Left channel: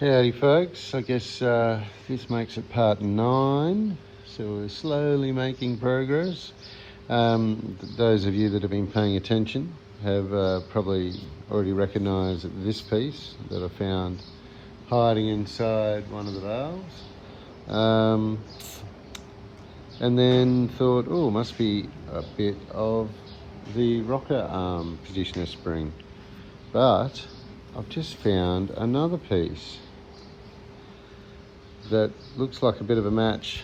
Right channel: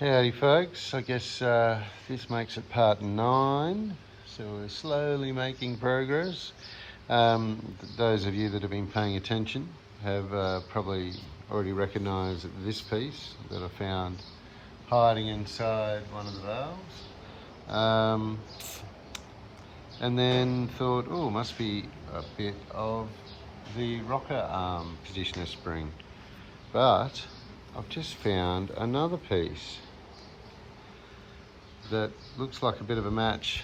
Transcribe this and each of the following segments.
Howdy folks, I guess this makes it part 9, so we're slowly making progress. Those of you that have been paying attention have probably already recognised this piece that I found hiding inside one of the valves. And then thought, oh, must be a bit of the rocker arm positioner spring. But I've just found another piece that looks like a bit of a match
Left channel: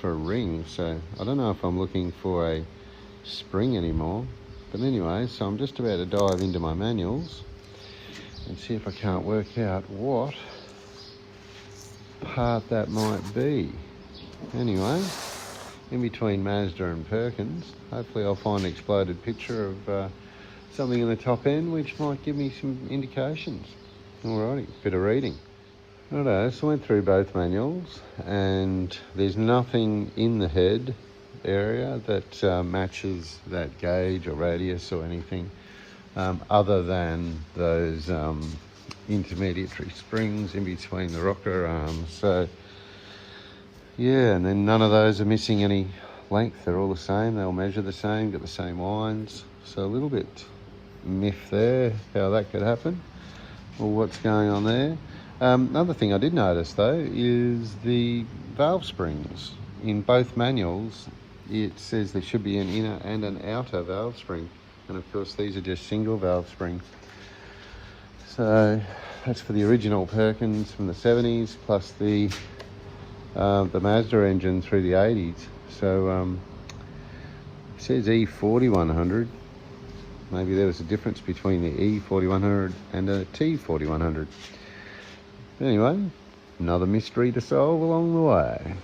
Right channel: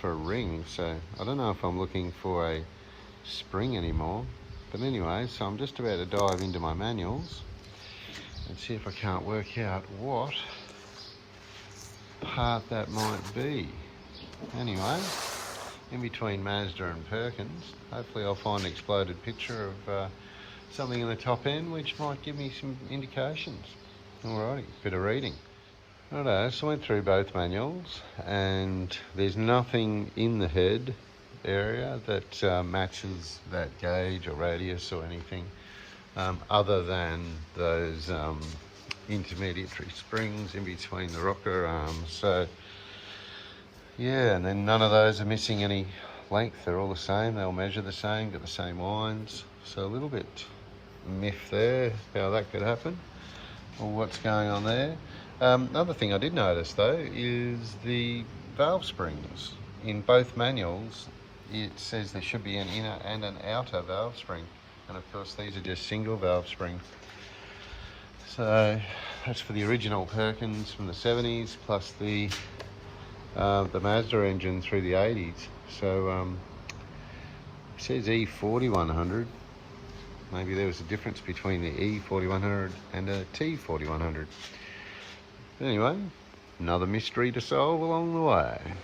for a ring, so I don't know if I'm looking for a spring anymore. But anyway, so I'm just about to dive into my manuals and see if I can't work out what part that might be. Anyway, in between Mazda and Perkins, hopefully I'll find an exploded picture of something in the top end which might give me some indications. Alrighty, bit of reading. Righto, so I went through both manuals and there's nothing in the head area that matches that gauge or radius or anything other than those intermediary springs in between the rocker arms. So yeah, and then none of those are missing any length. They're all the same, they'll measure the same, get the same winds. So a little bit miffed there how that could happen or what's going on there. Another thing I did notice though is the valve springs. In both manuals it says there should be an inner and an outer valve spring, and of course these are just single valve springs. So that's for the original Perkins from the 70s plus the Mazda engine through the 80s. So it says E4100. Maybe there was a difference between the E4100 and a T4100. Anyway, another mystery to solve along the way.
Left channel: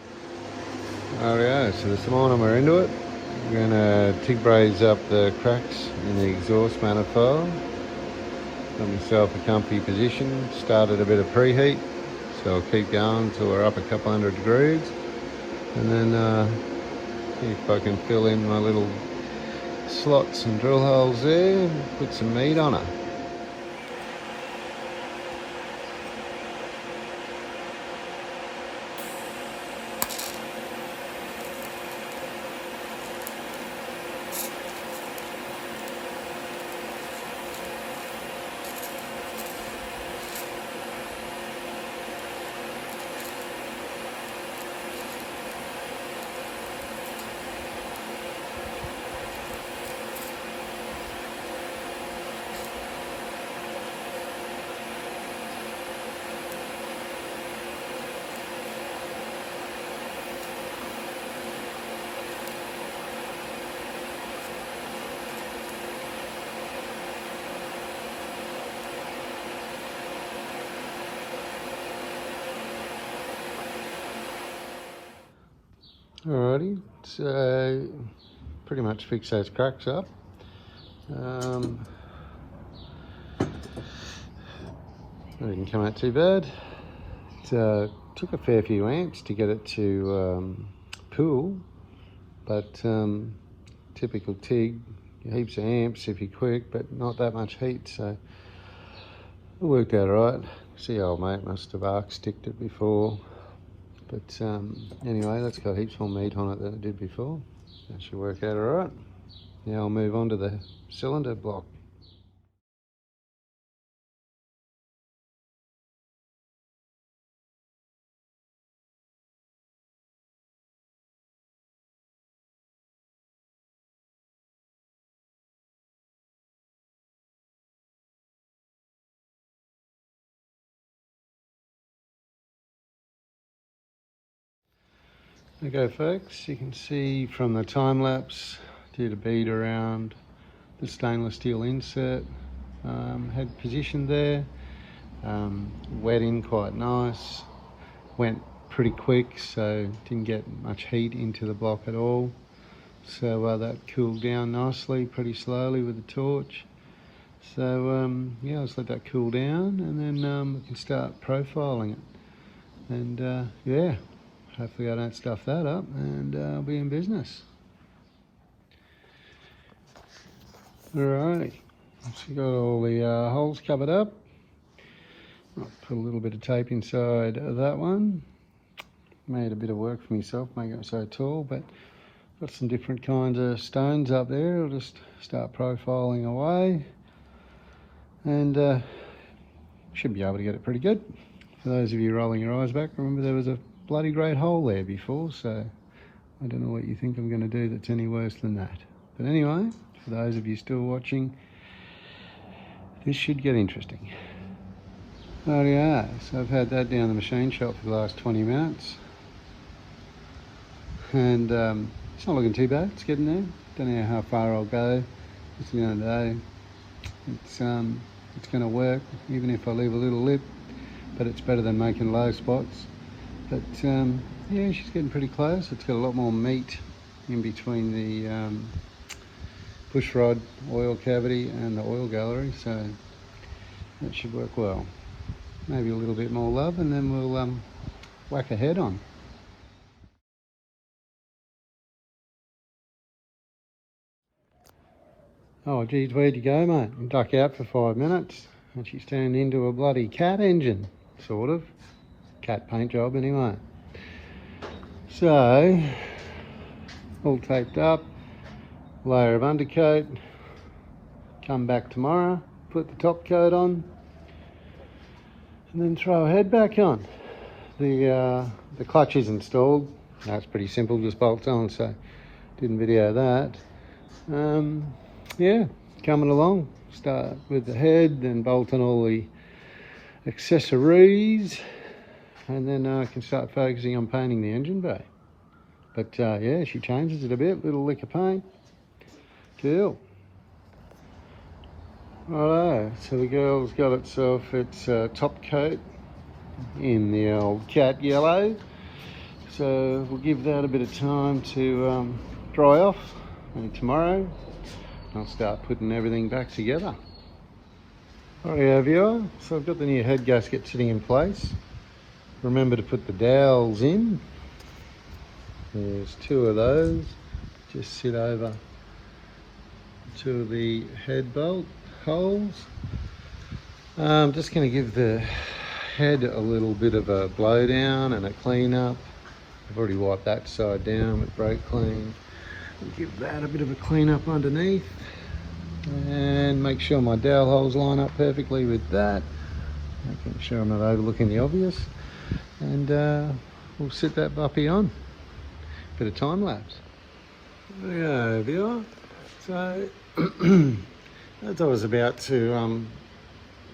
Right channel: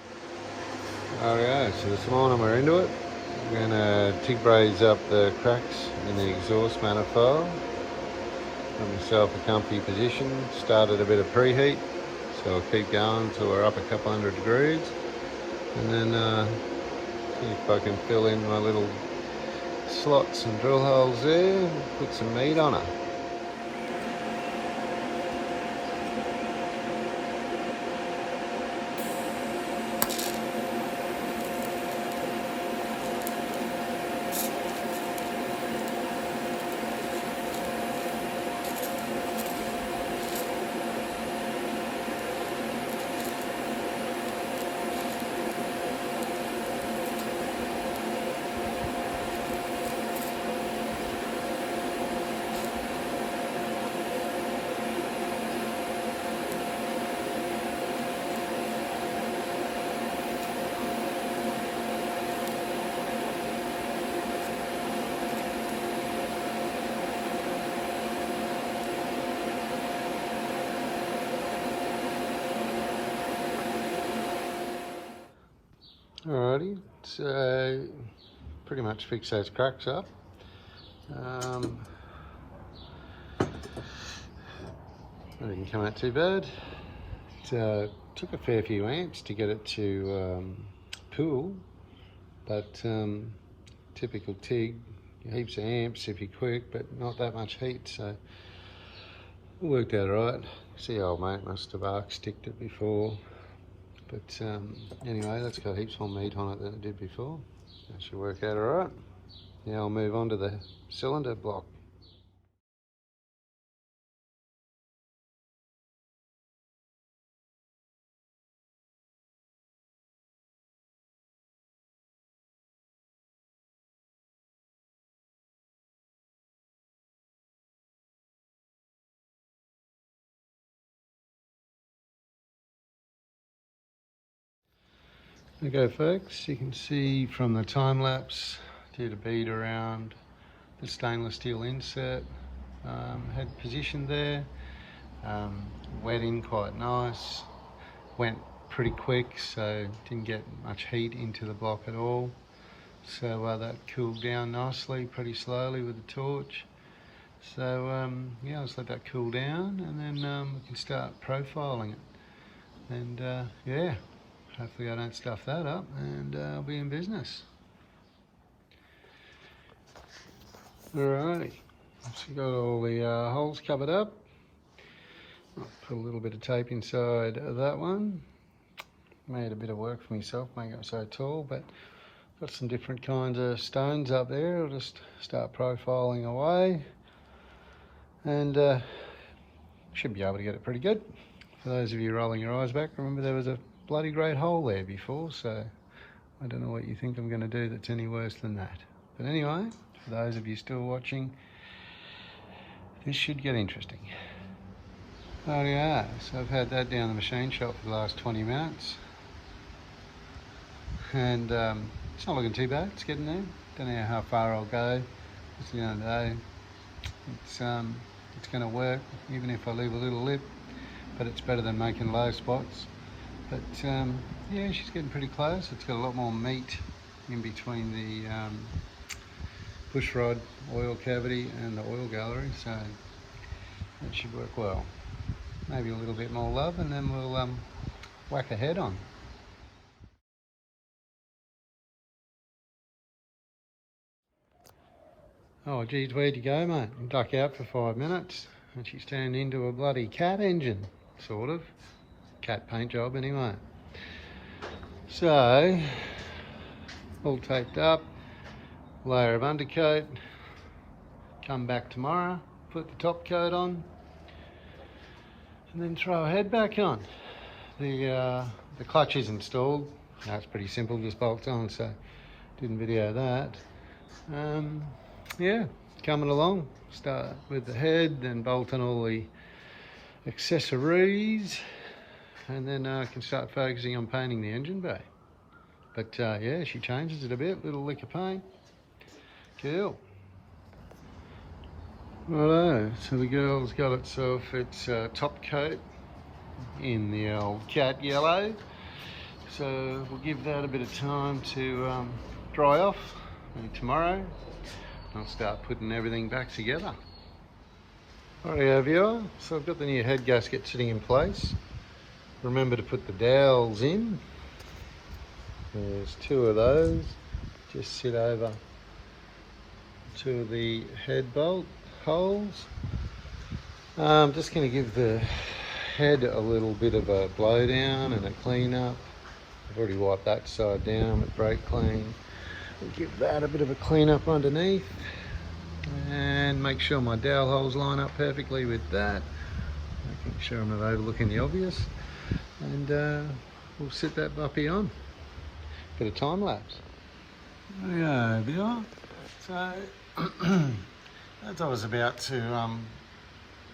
Alright, so this morning we're into it. We're going to TIG braze up the cracks in the exhaust manifold. Got myself a comfy position, started a bit of preheat, so I'll keep going till we're up a couple hundred degrees, and then see if I can fill in my little slots and drill holes there and put some meat on it. Alrighty, so pretty much fix those cracks up. Didn't come out too bad. It took a fair few amps to get it to pool, but typical TIG, heaps of amps if you're quick, but not that much heat, so it worked out alright. See, old mate must have arc sticked it before. But anyway, that's got heaps more meat on it than it did before. That should work out alright. Now I'll move on to the cylinder block. Okay folks, you can see from the time lapse, did a bead around the stainless steel insert, had positioned there, wet in quite nice, went pretty quick so didn't get much heat into the block at all, so that cooled down nicely pretty slowly with the torch. So yeah, let's let that cool down and then we can start profiling it, and yeah, hopefully I don't stuff that up, and I'll be in business. Alrighty, so got all the holes covered up. I'll put a little bit of tape inside that one. Made a bit of work for myself, making it so tall, but got some different kinds of stones up there. I'll just start profiling away, and should be able to get it pretty good. For those of you rolling your eyes back, remember there was a bloody great hole there before, so I don't know what you think I'm going to do that's any worse than that. But anyway, for those of you still watching, this should get interesting. Rightio, so I've had that down the machine shop for the last 20 minutes. And it's not looking too bad, it's getting there. Don't know how far I'll go. It's the end of the day. It's going to work, even if I leave a little lip, but it's better than making low spots. But yeah, she's getting pretty close. It's got a lot more meat in between the push rod oil cavity and the oil gallery, so that should work well. Maybe a little bit more love, and then we'll whack a head on. Oh geez, where'd you go, mate? You duck out for 5 minutes and she's turned into a bloody cat engine, sort of. Cat paint job anyway. So, all taped up, layer of undercoat, come back tomorrow, put the top coat on, and then throw a head back on. The clutch is installed. That's pretty simple, just bolts on, so didn't video that. Yeah, coming along. Start with the head, then bolt on all the accessories, and then I can start focusing on painting the engine bay. But yeah, she changes it a bit, little lick of paint. Cool. Righto, so the girl's got itself its top coat in the old cat yellow. So we'll give that a bit of time to dry off, and tomorrow I'll start putting everything back together. Rightio viewer, so I've got the new head gasket sitting in place. Remember to put the dowels in. There's 2 of those. Just sit over 2 of the head bolt holes. I'm just going to give the head a little bit of a blow down and a clean up. I've already wiped that side down with brake clean. I'll give that a bit of a clean up underneath and make sure my dowel holes line up perfectly with that, making sure I'm not overlooking the obvious, and we'll sit that puppy on. Bit of time lapse. Yeah, viewer. So as I was about to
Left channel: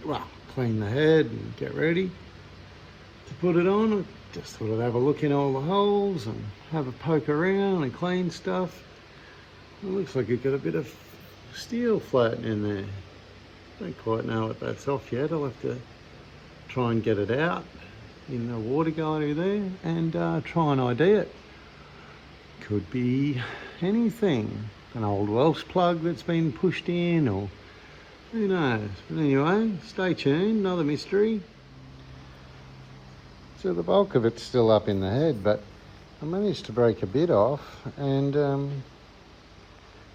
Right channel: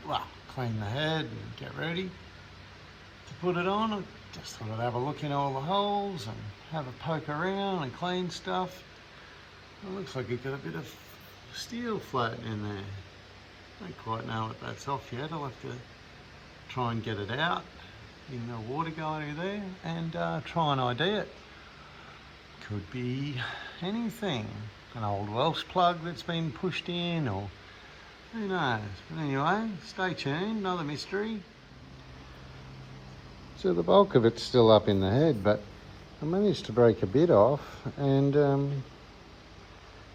well, clean the head and get ready to put it on, I just thought I'd have a look in all the holes and have a poke around and clean stuff. It looks like you've got a bit of steel floating in there. Don't quite know what that's off yet. I'll have to try and get it out in the water gallery there and try and ID it. Could be anything. An old Welsh plug that's been pushed in, or who knows. But anyway, stay tuned, another mystery. So the bulk of it's still up in the head, but I managed to break a bit off, and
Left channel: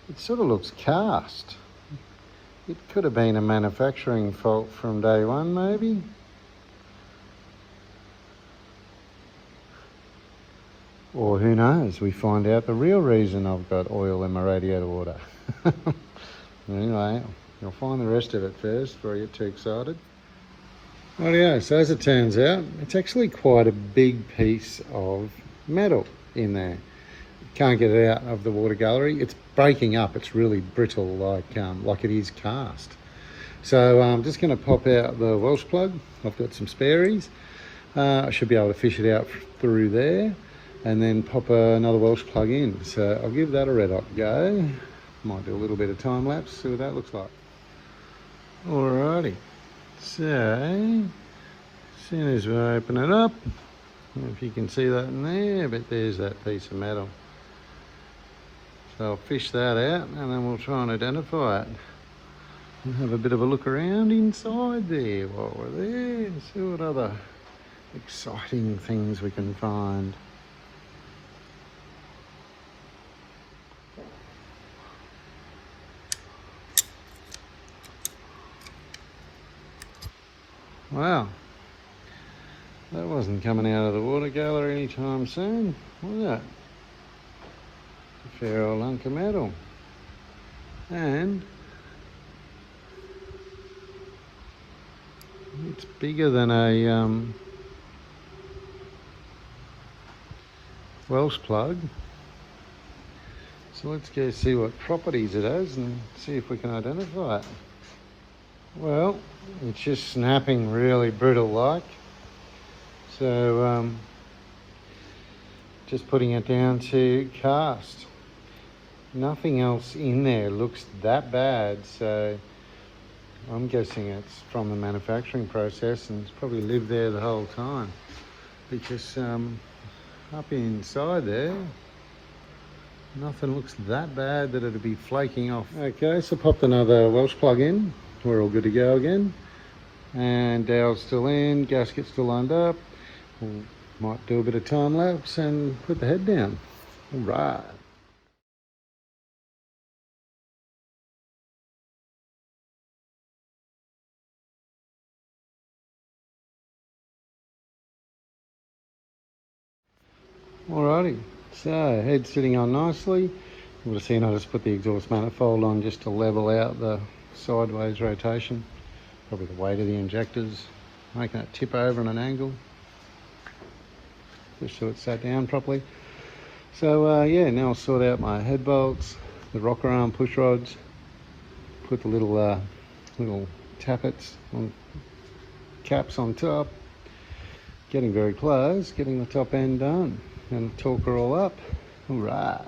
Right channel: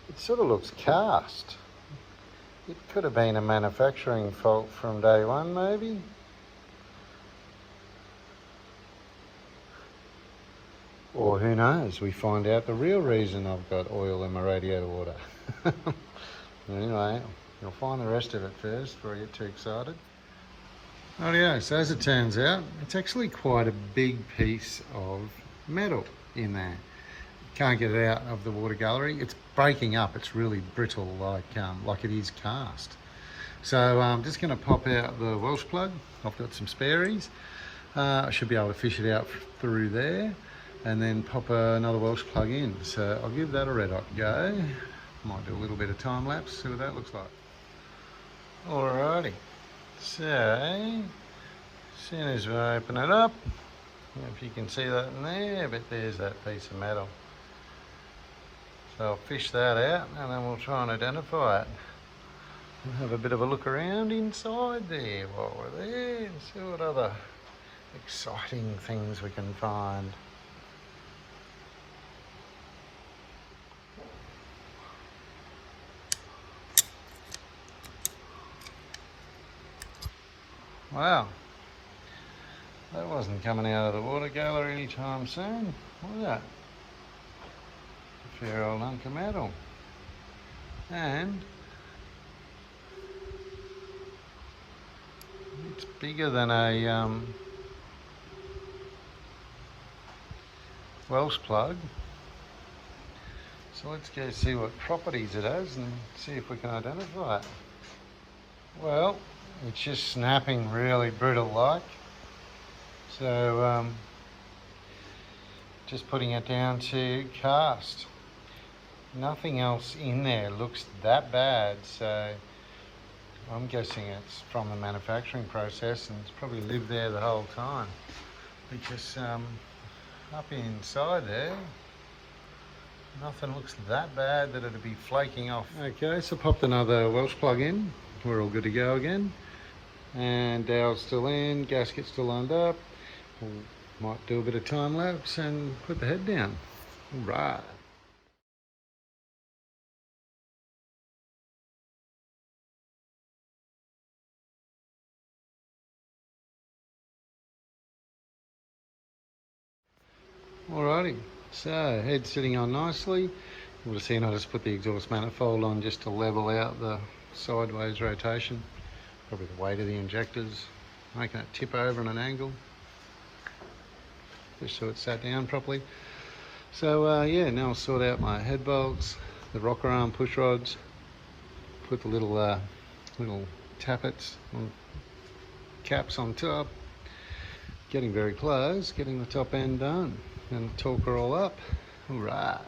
it sort of looks cast. It could have been a manufacturing fault from day one, maybe. Or who knows, we find out the real reason I've got oil in my radiator water. Anyway, you'll find the rest of it first before I get too excited. Rightio, so as it turns out, it's actually quite a big piece of metal in there. Can't get it out of the water gallery. It's breaking up. It's really brittle, like it is cast. So I'm just going to pop out the Welsh plug. I've got some spares. I should be able to fish it out through there, and then pop another Welsh plug in. So I'll give that a red hot go. Might do a little bit of time lapse, see what that looks like. Alrighty. So as soon as we open it up, I don't know if you can see that in there, but there's that piece of metal. So I'll fish that out, and then we'll try and identify it. We'll have a bit of a look around inside there while we're there and see what other exciting things we can find. Wow, That wasn't coming out of the water cooler anytime soon, was it? A fair old hunk of metal. And it's bigger than a Welsh plug. So let's go see what properties it has and see if we can identify it. Well, it's just snapping really brittle like. So just putting it down to cast. Nothing else in there looks that bad, so I'm guessing it's from the manufacturing process and it's probably lived there the whole time, because up inside there nothing looks that bad that it'd be flaking off. Okay, so popped another Welsh plug in. We're all good to go again. And dowel's still in, gasket's still lined up. We might do a bit of time lapse and put the head down. All right. Alrighty, so head sitting on nicely. You would have seen I just put the exhaust manifold on just to level out the sideways rotation. Probably the weight of the injectors, making it tip over on an angle, just so it sat down properly. So yeah, now I'll sort out my head bolts, the rocker arm push rods, put the little tappets on caps on top. Getting very close, getting the top end done, and torque her all up. All right.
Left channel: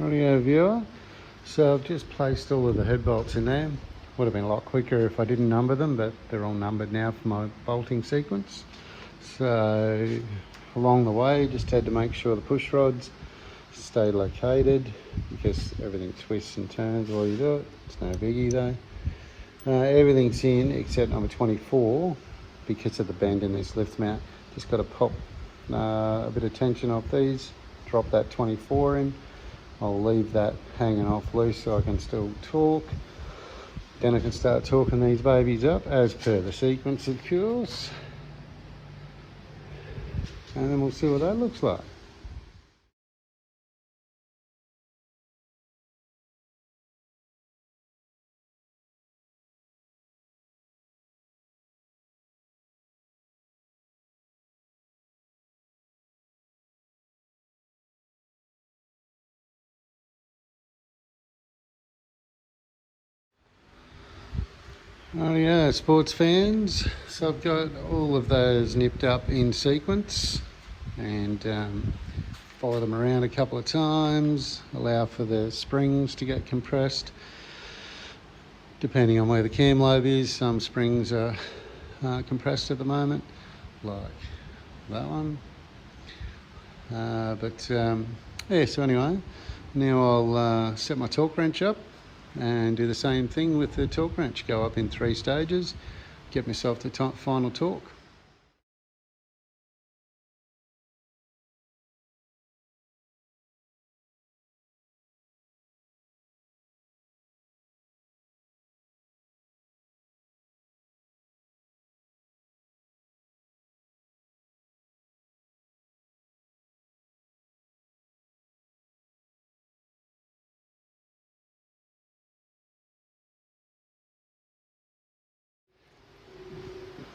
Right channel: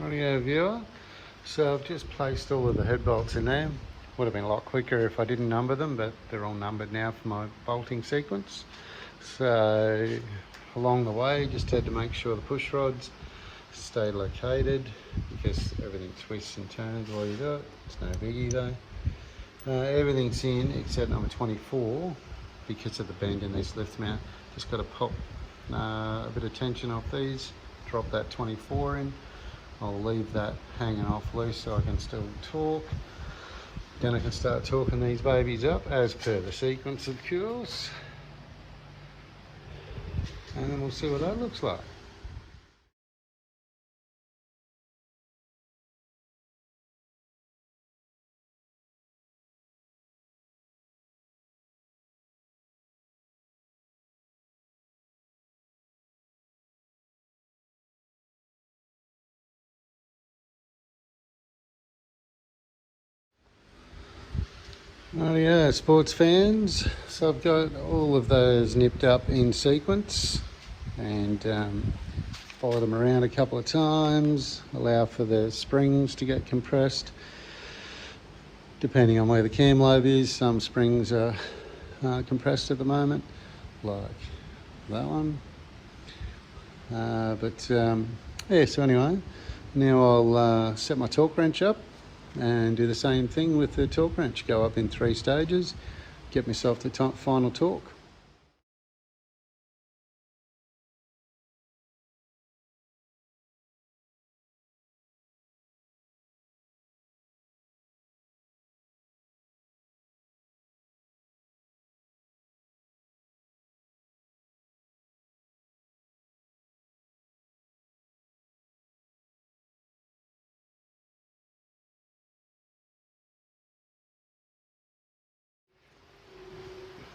Rightio viewer, so I've just placed all of the head bolts in there. Would have been a lot quicker if I didn't number them, but they're all numbered now for my bolting sequence. So along the way, just had to make sure the push rods stay located, because everything twists and turns while you do it. It's no biggie though. Everything's in except number 24 because of the bend in this lift mount. Just got to pop a bit of tension off these, drop that 24 in. I'll leave that hanging off loose so I can still torque. Then I can start torquing these babies up as per the sequence, of course. And then we'll see what that looks like. Oh yeah, sports fans. So I've got all of those nipped up in sequence and follow them around a couple of times, allow for the springs to get compressed. Depending on where the cam lobe is, some springs are compressed at the moment, like that one. Yeah, so anyway, now I'll set my torque wrench up and do the same thing with the torque wrench. Go up in 3 stages, get myself the final torque.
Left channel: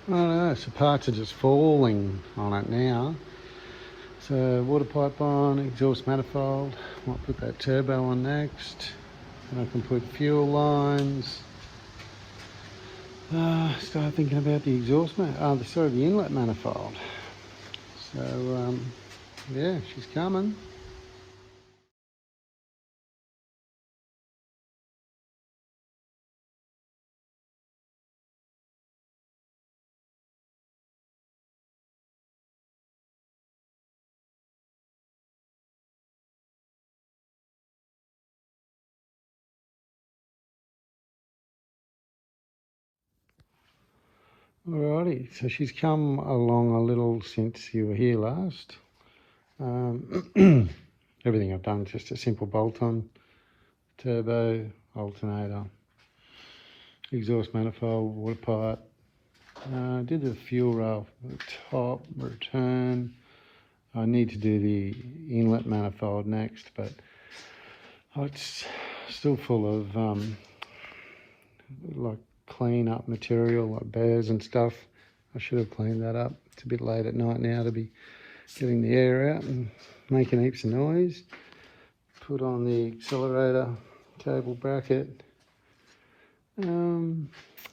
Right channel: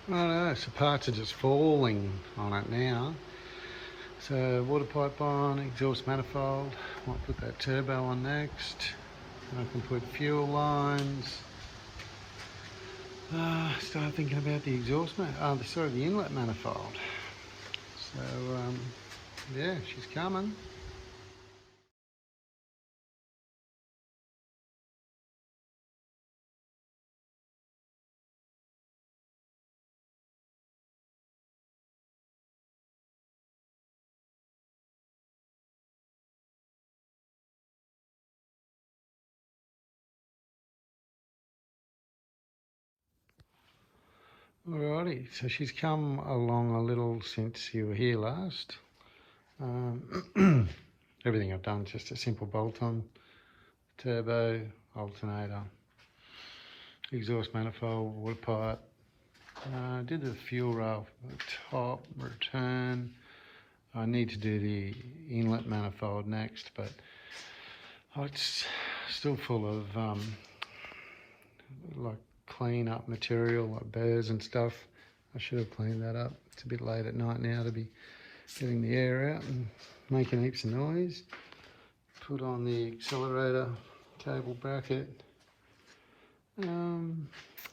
I don't know, so parts are just falling on it now. So water pipe on, exhaust manifold. Might put that turbo on next. And I can put fuel lines. Start thinking about the exhaust, the inlet manifold. So yeah, she's coming. Alrighty, so she's come along a little since you were here last. Everything I've done is just a simple bolt-on, turbo, alternator, exhaust manifold, water pipe. Did the fuel rail from the top, return. I need to do the inlet manifold next, but it's still full of like clean up material, like burrs and stuff. I should have cleaned that up. It's a bit late at night now to be getting the air out and making heaps of noise. Put on the accelerator cable bracket. I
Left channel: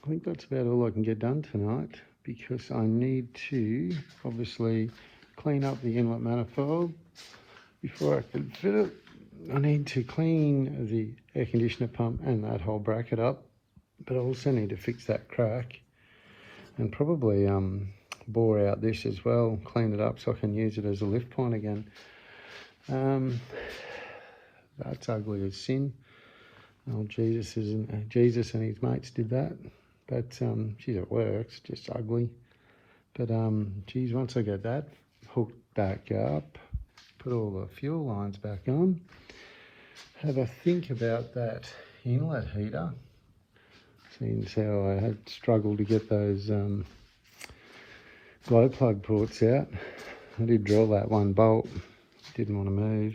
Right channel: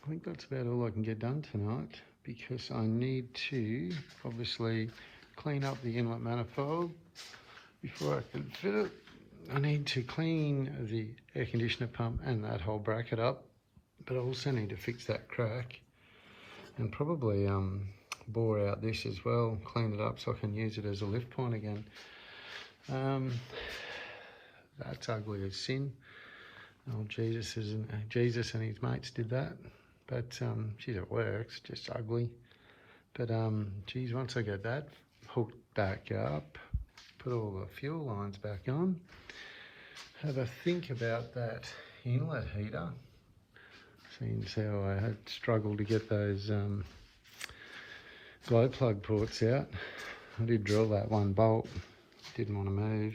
think that's about all I can get done tonight, because I need to obviously clean up the inlet manifold before I can fit it. I need to clean the air conditioner pump and that whole bracket up, but I also need to fix that crack and probably bore out this as well, clean it up so I can use it as a lift point again. That's ugly as sin. Oh, Jesus and his mates did that, but she's at work, it's just ugly. But geez, once I get that hooked back up, put all the fuel lines back on, have a think about that inlet heater. Seems how I had struggled to get those glow plug ports out. I did drill that one bolt, didn't want to move.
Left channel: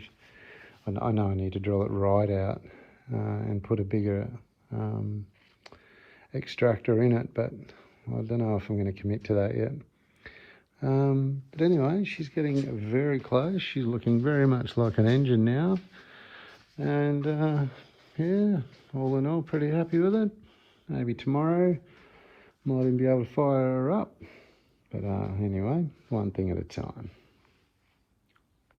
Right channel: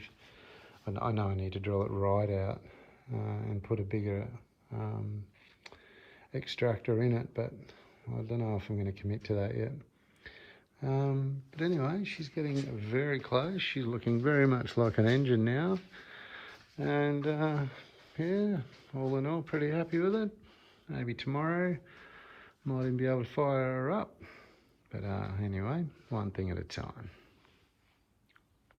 I know I need to drill it right out and put a bigger extractor in it, but I don't know if I'm going to commit to that yet. But anyway, she's getting very close. She's looking very much like an engine now. And yeah, all in all, pretty happy with it. Maybe tomorrow might even be able to fire her up. But anyway, one thing at a time.